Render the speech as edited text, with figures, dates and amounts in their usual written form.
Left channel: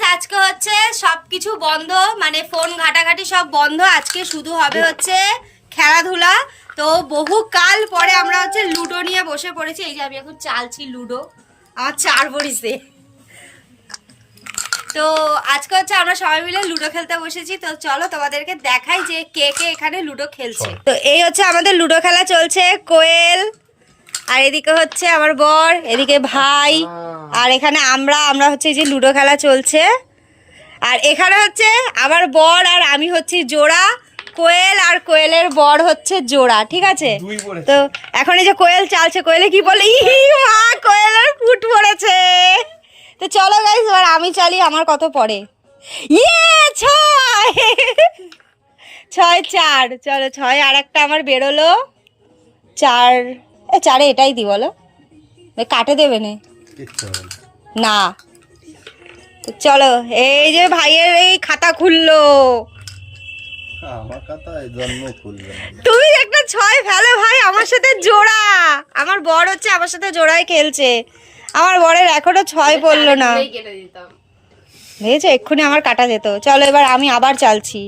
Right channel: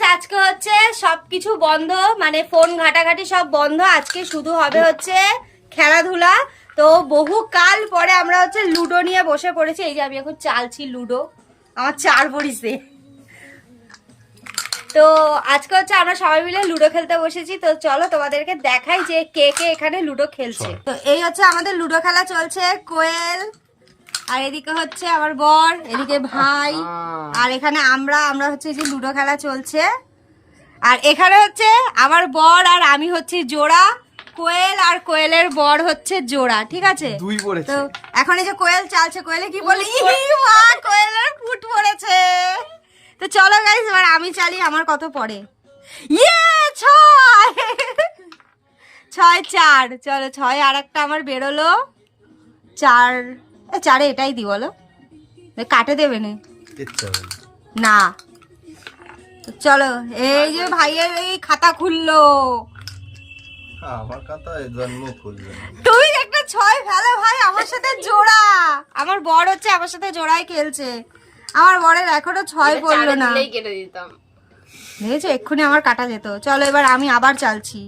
Guys আজকে হচ্ছে সবকিছু বন্ধ, মানে ফোন ঘাটাঘাটি সব বন্ধ। আজকে শুধু হবে হচ্ছে খেলাধুলা। তো বহু কাল পরে আমরা হচ্ছে লুডো নিয়ে বসে পড়েছি। এই যে আমি এখন চালছি লুডো, আমার 4 বড়িছে। তো আজকে হচ্ছে আমরা সবাই মিলে লুডো খেলতে বসেছি। তো চলো তোমাদেরকে দেখাই যে কে কে এখানে লুডো খেলছে। তো এই হচ্ছে আমাদের লুডো খেলা চলছে। কোয়েল, আর এদিকে হচ্ছে আমার বর, এদিকে ভাই, আর এখানে আমরা হচ্ছে এই যে লুডো খেলা চলছে। আর এখানে হচ্ছে আমার বর আর আমি হচ্ছে জোড়া, কোয়েল আর কোয়েলের বর হচ্ছে জোড়া, ঠিক আছে? তো এখন এই যে কোয়েল চালছে, কোয়েলে কি বলে, মা কোয়েলের ফুট পড়েছে। তো চলো গাইস এবার আমি চালি, আমার কত পড়ে? ইয়ে 6 চলো 6 আর একটা আমার বেরোলো 4। 4-এ এটাই দি বলো, কাটে দেবে না। তো চলো এই যে ভাইয়ের এই খাতা খুললো। তুমি একটা 6 ফেলো ভাই, আমার সাথে জোড়া। আমার বর হচ্ছে আমার সাথে জোড়ায় খেলছে। আমার বরের এখনো 6 পড়লো না, দেখেছো? এক্ষুনি আমার কাটা যেত। চলো এবার আমি আবার চালছি।